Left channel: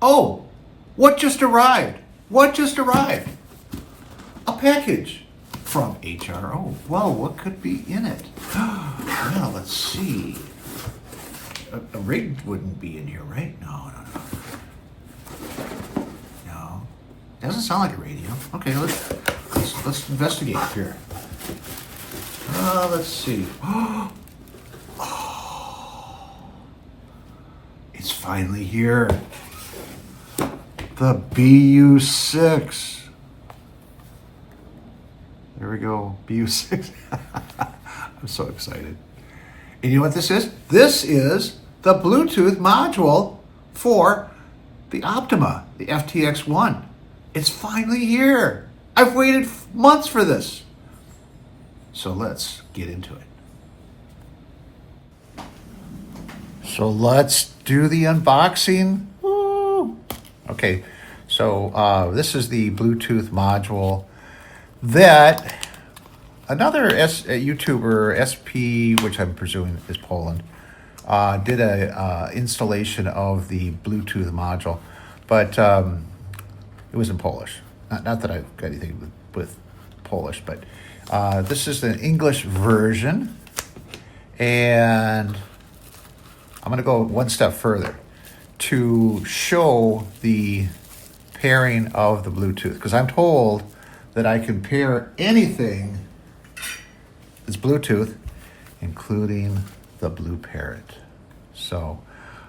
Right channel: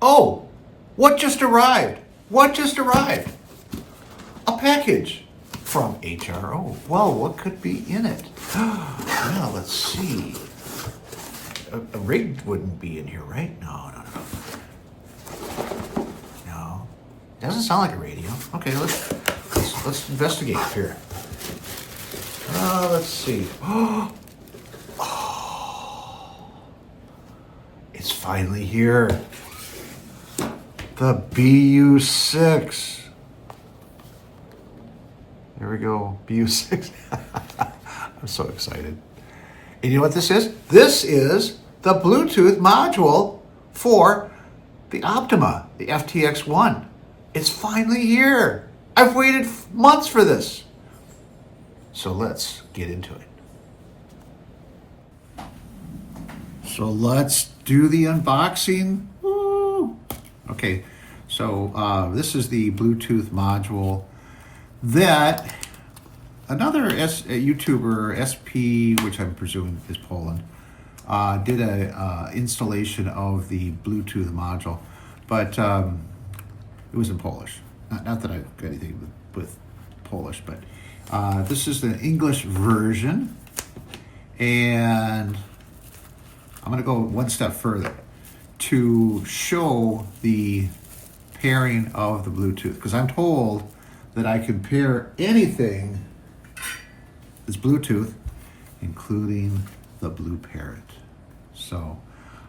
Oh, what just arrived? What just arrived? A package from HRO. Well, what could be in it? Well, let's see. A rig wouldn't be in here, right? No, no, no. No. Doesn't sound like a radio. Okay, let's investigate here. Let's see. Oh, it's finally here. The BU6. There we go, BU6. I'm so excited. And you know what this is? This is the Bluetooth module for the Optima, the FTX-1. It's finally here. I've waited months for this. So let's get into it. So let's do the unboxing. Woo. Okay, so this is the Bluetooth module that another YouTuber, SP, which I'm presuming is Poland, did a installation of the Bluetooth module, but it was in Polish. Not that I've got anything with Polish, but this is the English version, and I'm going to go one step further to show the pairing of the Bluetooth, because I'm told that I can pair anything that's Bluetooth, including the Blue Parrot. So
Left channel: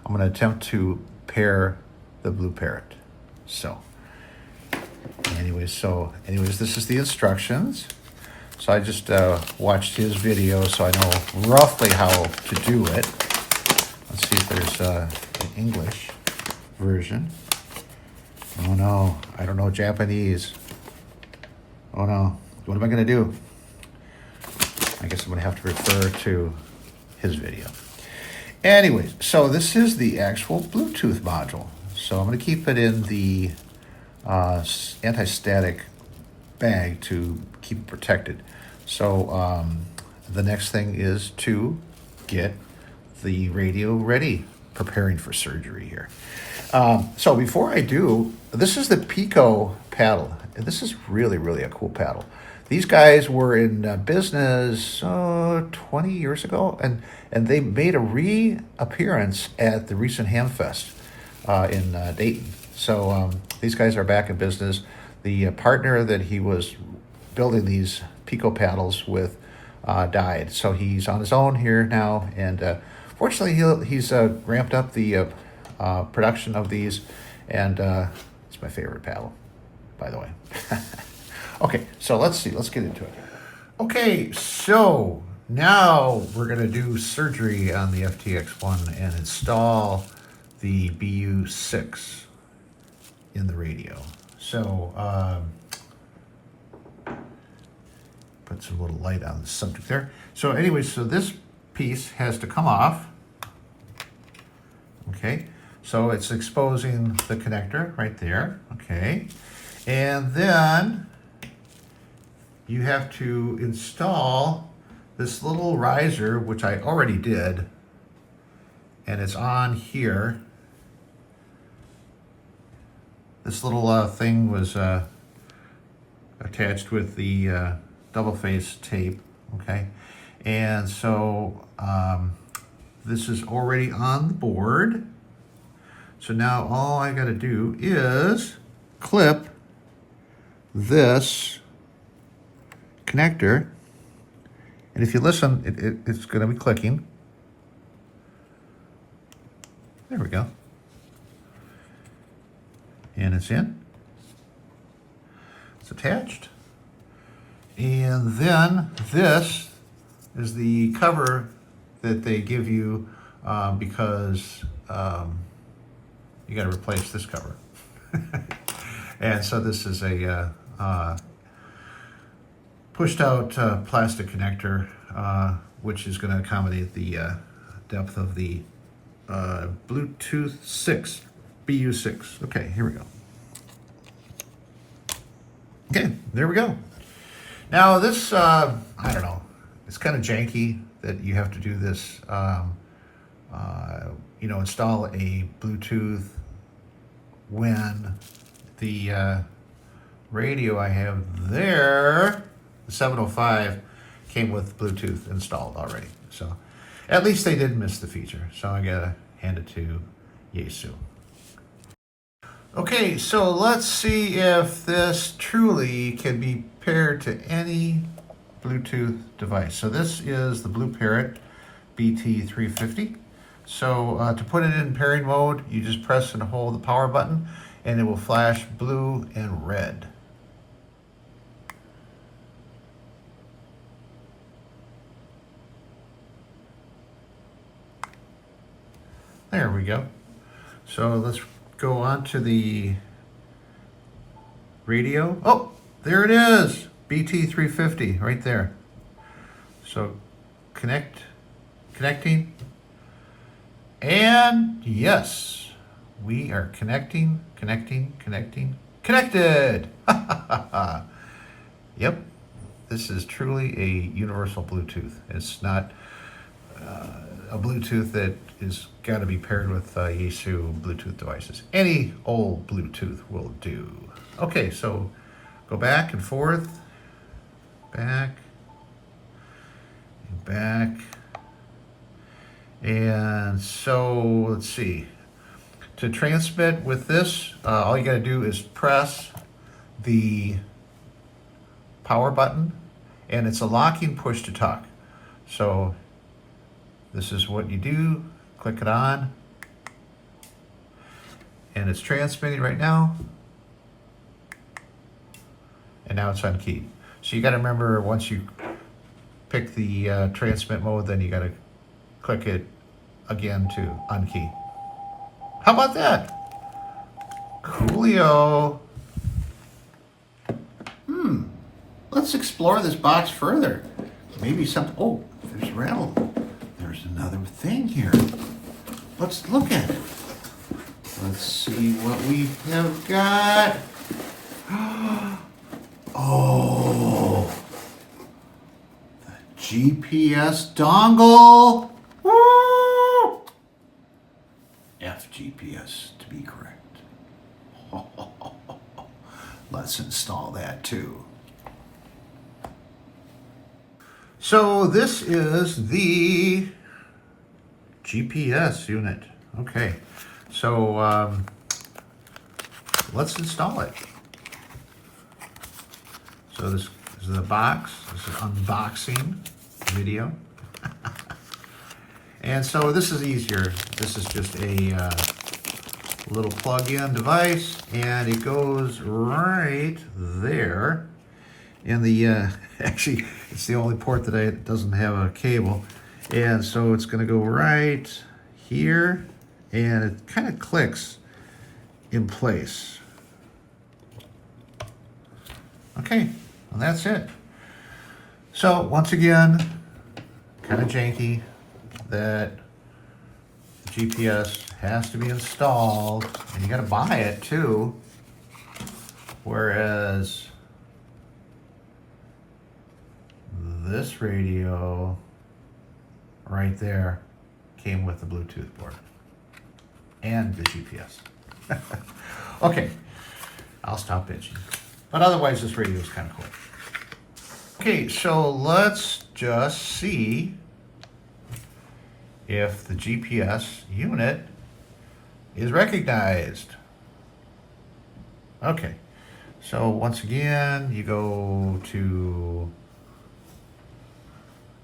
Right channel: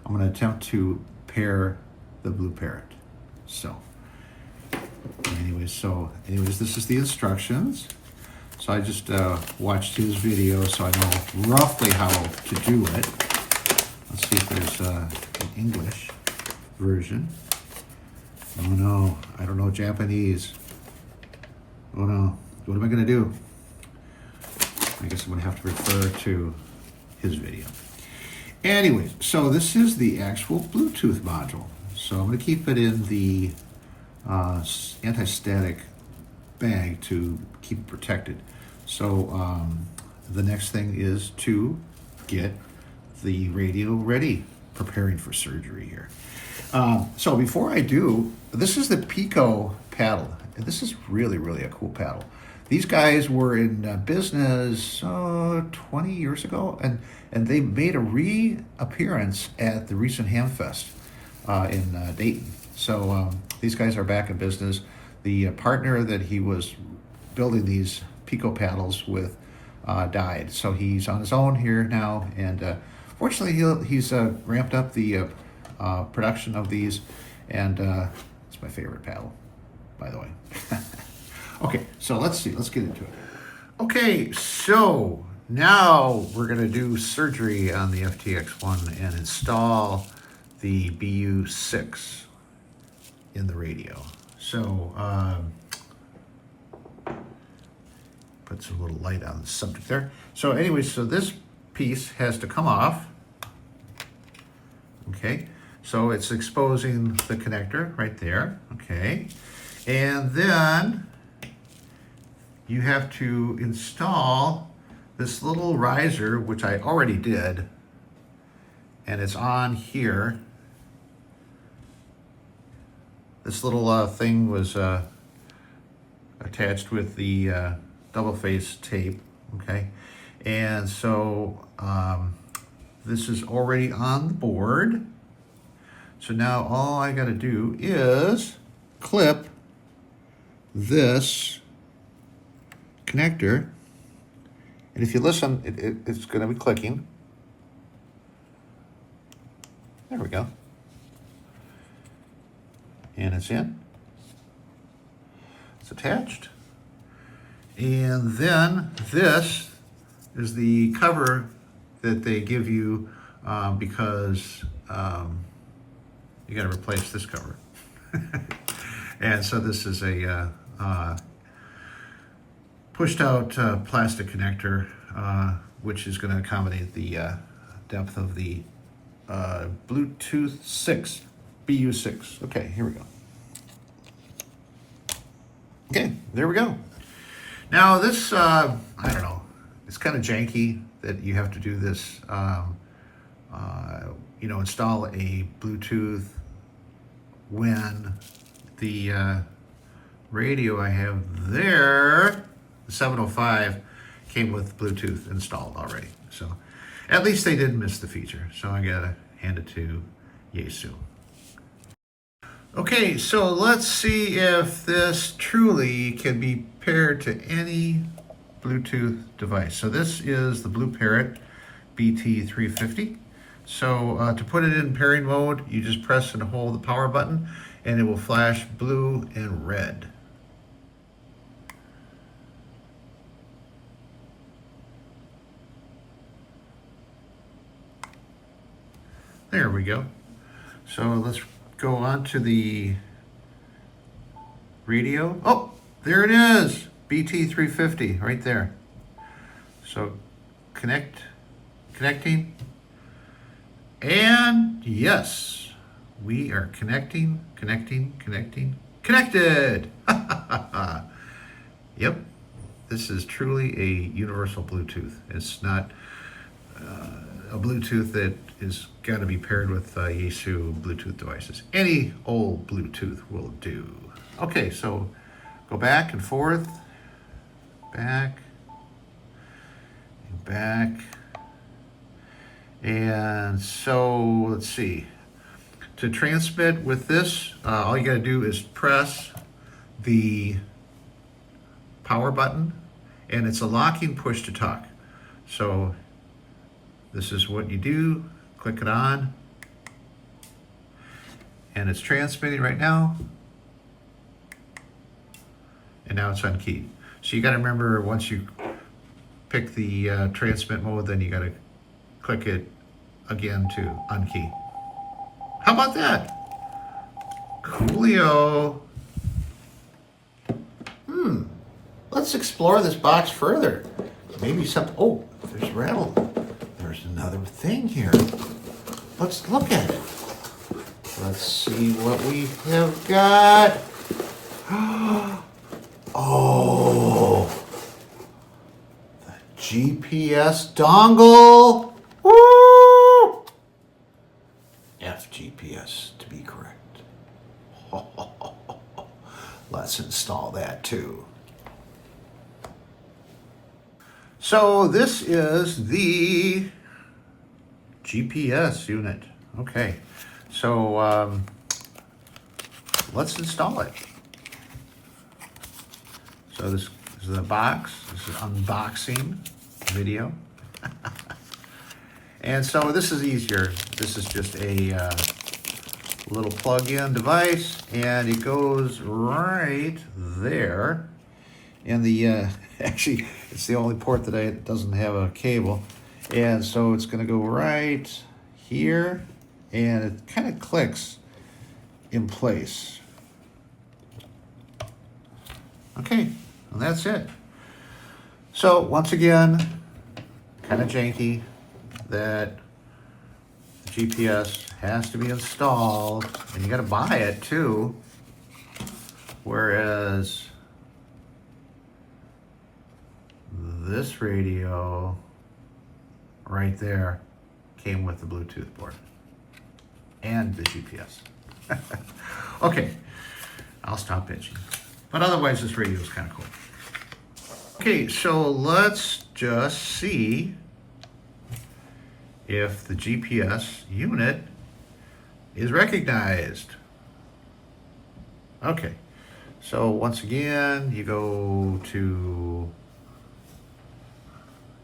I'm going to attempt to pair the Blue Parrot. So anyways, this is the instructions. So I just watched his video, so I know roughly how to do it. Let's see if there's an English version. Oh no, I don't know Japanese. Oh no, what am I gonna do? I guess I'm gonna have to refer to his video. Anyways, so this is the actual Bluetooth module. So I'm gonna keep it in the anti-static bag to keep it protected. So the next thing is to get the radio ready, preparing for surgery here. So before I do, this is the Pico paddle. This is really, really a cool paddle. These guys were in business 20 years ago, and they made a reappearance at the recent Hamfest in Dayton. So these guys are back in business. The partner that he was building these Pico paddles with died, so he's on his own here now, and fortunately he's ramped up the production of these, and it's my favorite paddle, by the way. Okay, so let's get into it. Okay, so now we're gonna do surgery on the FTX-1 and install the BU6 in the radio. So put some little light on the subject there. So anyway, so this piece has to come off. Okay, so it's exposing the connector right there. Okay, and then you have to install this little riser, which I already did, and it's on here. This little thing was attached with the double face tape, okay? And so this is already on the board. So now all I gotta do is clip this connector, and if you listen, it's going to be clicking. There we go. And it's in. It's attached. And then this is the cover that they give you because you got to replace this cover. And so this is a pushed out plastic connector, which is going to accommodate the depth of the Bluetooth 6, BU6. Okay, here we go. Okay, there we go. Now this, I don't know, it's kind of janky that you have to do this, install a Bluetooth when the radio I have there, the 705, came with Bluetooth installed already. So at least they didn't miss the feature. So I gotta hand it to Yaesu. Okay, so let's see if this truly can be paired to any Bluetooth device. So this is the Blue Parrot BT350. So to put it in pairing mode, you just press and hold the power button and it will flash blue and red. There we go. So let's go on to the radio. Oh, there it is. BT350 right there. So connecting. And yes, we are connected. Yep, this is truly a universal Bluetooth. It's not a Bluetooth that is got to be paired with Yaesu Bluetooth devices. Any old Bluetooth will do. Okay, so go back and forth, back, and back. And so let's see. To transmit with this, all you got to do is press the power button, and it's a locking push to talk. So this is what you do. Click it on, and it's transmitting right now. And now it's on key. So you got to remember, once you pick the transmit mode, then you got to click it again to unkey. How about that? Coolio. Let's explore this box further. Maybe something. Oh, there's rattle. There's another thing here. Let's look at it. Let's see what we have got. Oh, the GPS dongle. Woo! FGPS to be correct. Let's install that too. So this is the GPS unit. Okay, so let's install it. So this is the box. This is unboxing video. And so this is easier. This is just a little plug-in device, and it goes right there. And the actually, it's the only port that doesn't have a cable, and so it's going to go right here, and it kind of clicks in place. Okay, and that's it. So once again, kind of janky that the GPS has to be installed, and you got to buy it too. Whereas this radio right there came with the Bluetooth board and the GPS. Okay, I'll stop bitching. But otherwise, this radio is kind of cool. Okay, so let's just see if the GPS unit is recognized. Okay, so once again, you go to,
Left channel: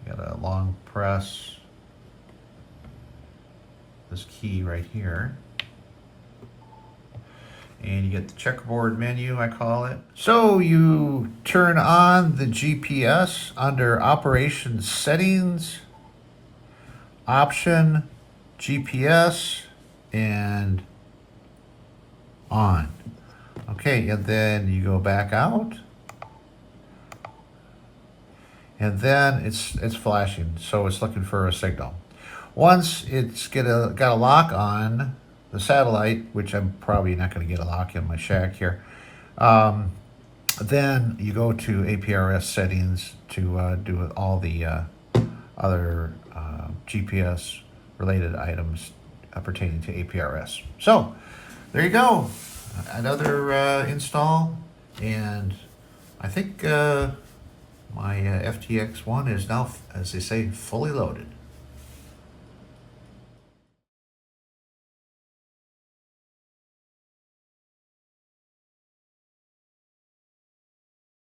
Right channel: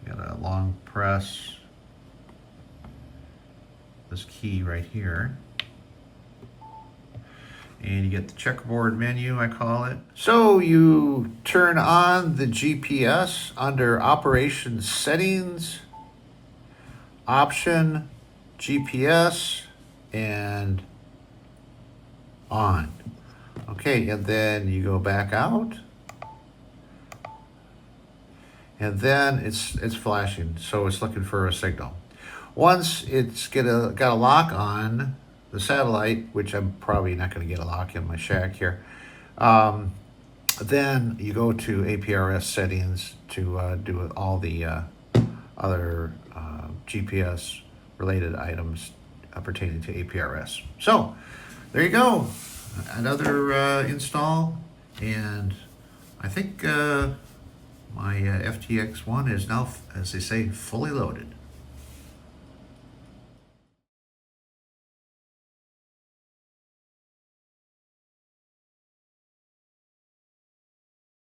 got a long press this key right here, and you get the checkerboard menu, I call it. So you turn on the GPS under Operations Settings, Option, GPS, and on. Okay, and then you go back out, and then it's flashing, so it's looking for a signal. Once it's got a lock on the satellite, which I'm probably not going to get a lock in my shack here, then you go to APRS settings to do all the other GPS related items pertaining to APRS. So there you go. another install, and I think my FTX1 is now, as they say, fully loaded.